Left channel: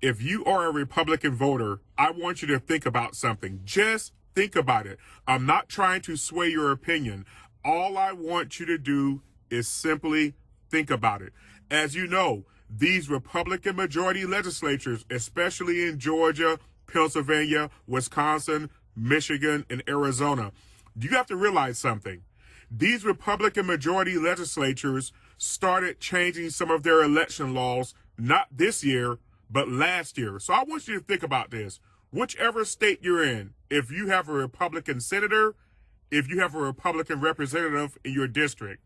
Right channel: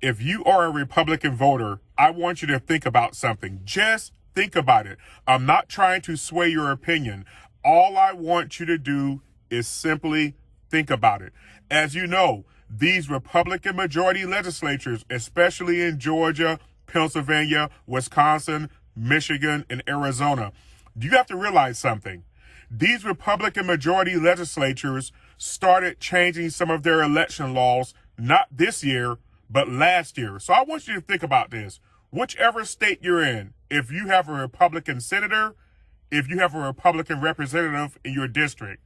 If you are a Republican voter, I want you to think about something. Just think about it. I'm not trying to sway your opinion. All I want you to do is simply think about it. As you know, these Republican majority legislatures, especially in Georgia, Pennsylvania, Wisconsin, Michigan, and Arizona, you have to realize something. These Republican majority legislatures started changing some of their election laws, not this year, but last year. So I want you to think about this. Whichever state you're in, if you have a Republican senator, if you have a Republican representative in your district,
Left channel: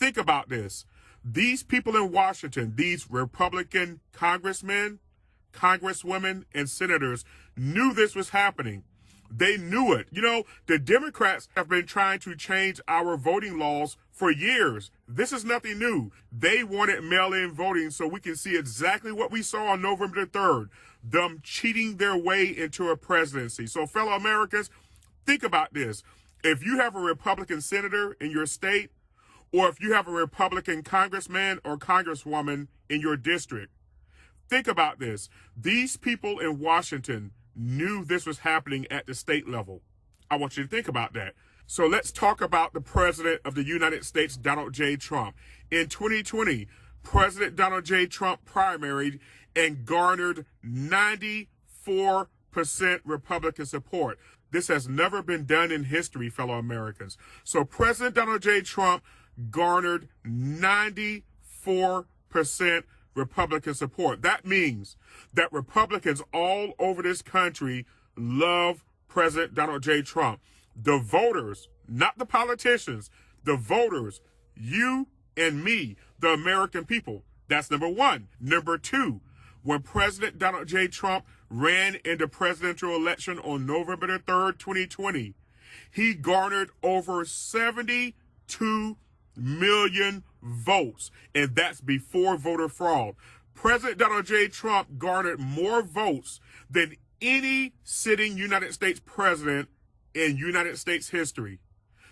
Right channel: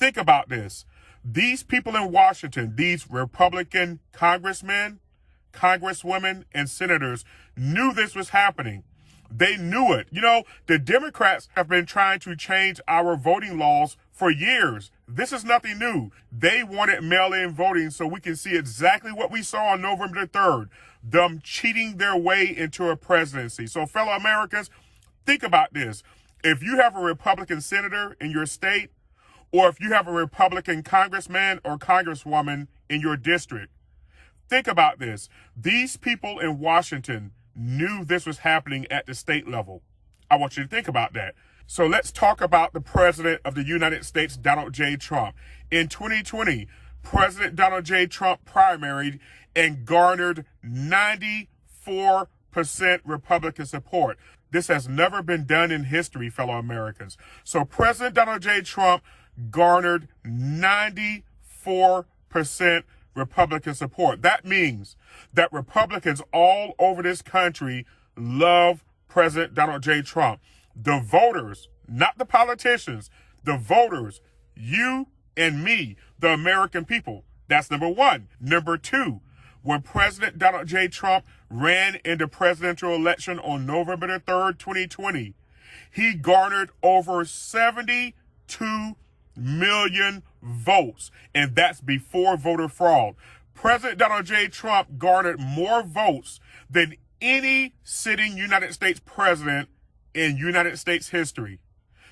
think about this. These people in Washington, these Republican congressmen, congresswomen, and senators knew this was happening. They knew it. You know, the Democrats have been trying to change our voting laws for years. This is nothing new. They wanted mail-in voting so we can see exactly what we saw on November the 3rd, them cheating their way into a presidency. So fellow Americans, think about this. If you have a Republican senator in your state, or if you have a Republican congressman or congresswoman in your district, think about this. These people in Washington knew this was happening at the state level. I want you to think about that. So let's talk about the president of the United States, Donald J. Trump. In 2020, President Donald J. Trump primaried and garnered 94% Republican support. This has never been done in history, fellow Americans. So President Donald J. Trump garnered 94% Republican support. That means that Republicans all over this country love President Donald J. Trump. The voters, not the politicians, the voters, you and me, the American people. That's number one. Number two, when President Donald J. Trump ran in the presidential election on November the 3rd, 2020, he garnered over 72 million votes, and that's before voter fraud. President Donald J. Trump garnered more votes than any sitting United States president in United States history.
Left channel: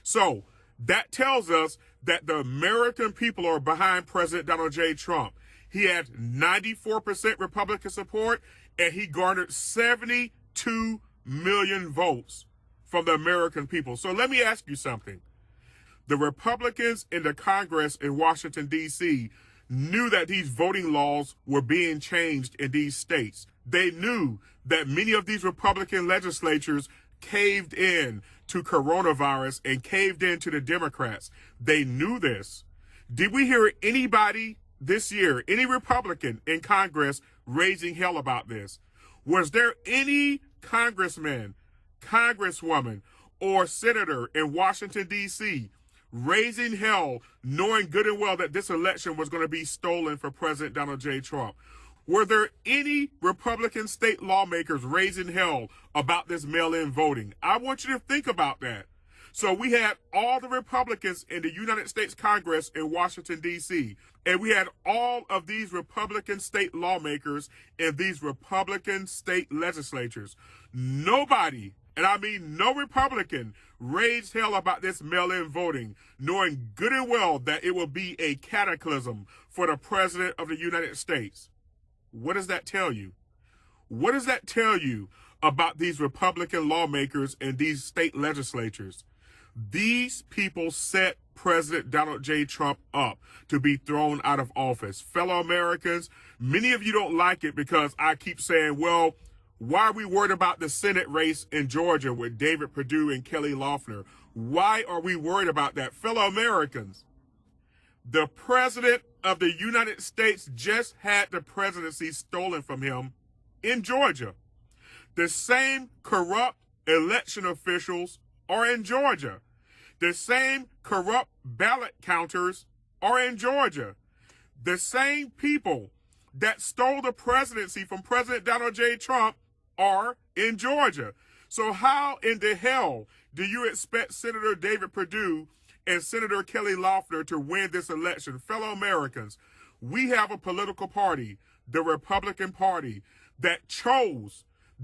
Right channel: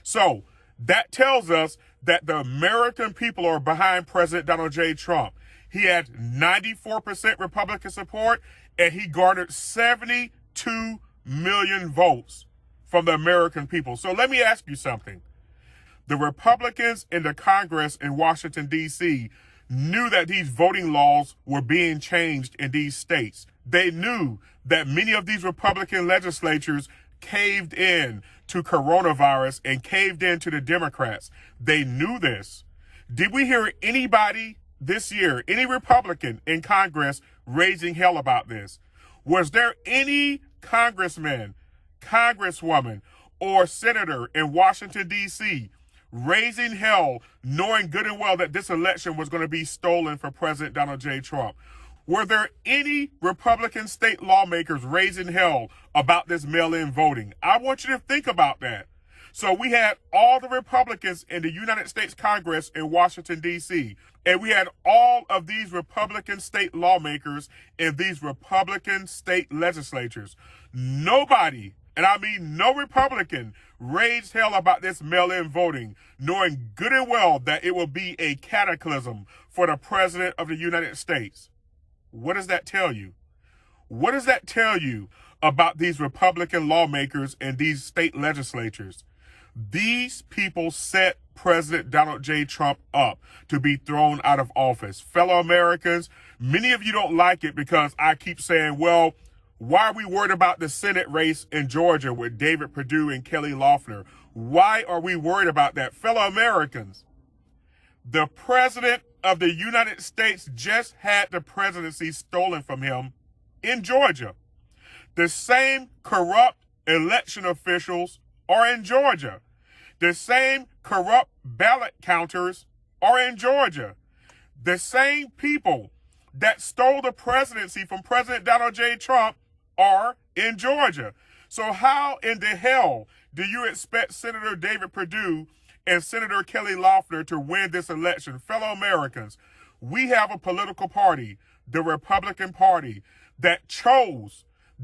So that tells us that the American people are behind President Donald J. Trump. He had 94% Republican support, and he garnered 72 million votes from the American people. So let me ask you something. The Republicans in the Congress in Washington, D.C. knew that these voting laws were being changed in these states. They knew that many of these Republican legislatures caved in to coronavirus and caved in to the Democrats. They knew this. Did we hear anybody this year, any Republican in Congress, raising hell about this? Was there any congressman, congresswoman, or senator in Washington, D.C. raising hell, knowing good and well that this election was going to be stolen for President Donald J. Trump? Were there any Republican state lawmakers raising hell about this mail-in voting? I want you to think about that. So we had all the Republicans in the United States Congress in Washington, D.C., and we had all of these Republican state lawmakers in these Republican state legislatures. Nobody, and I mean no Republican, raised hell about this mail-in voting, knowing good and well that it will be a cataclysm for the President of the United States. What does that tell you? What does that tell you about these Republican lawmakers and these state legislatures? These people set President Donald J. Trump up to be thrown out of office. Fellow Americans, many of you don't like it because I keep saying, well, why are we worried about the Senate race in Georgia with David Perdue and Kelly Loeffler? Why are we worried about that? Fellow Americans, the President of the United States just had the presidency stolen from him in Georgia. The same corrupt election officials are in Georgia. The same corrupt ballot counters are in Georgia. The same people that stole the presidency from President Donald J. Trump are in Georgia. So how in the hell do you expect Senator David Perdue and Senator Kelly Loeffler to win this election? Fellow Americans, we have a political party, the Republican Party, that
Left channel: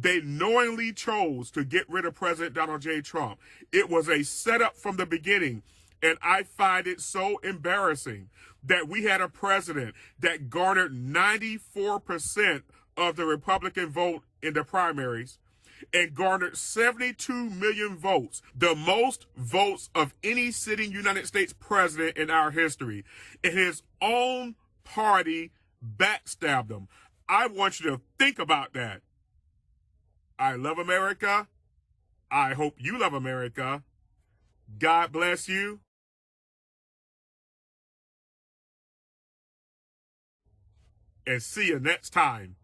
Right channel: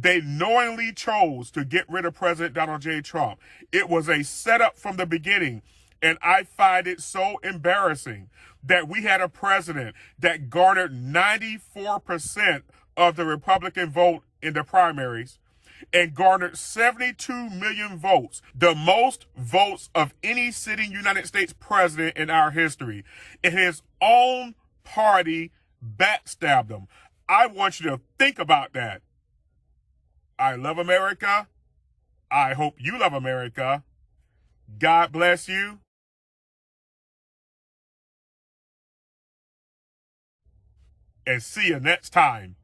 they knowingly chose to get rid of President Donald J. Trump. It was a setup from the beginning, and I find it so embarrassing that we had a president that garnered 94% of the Republican vote in the primaries and garnered 72 million votes, the most votes of any sitting United States president in our history. And his own party backstabbed him. I want you to think about that. I love America. I hope you love America. God bless you. And see you next time.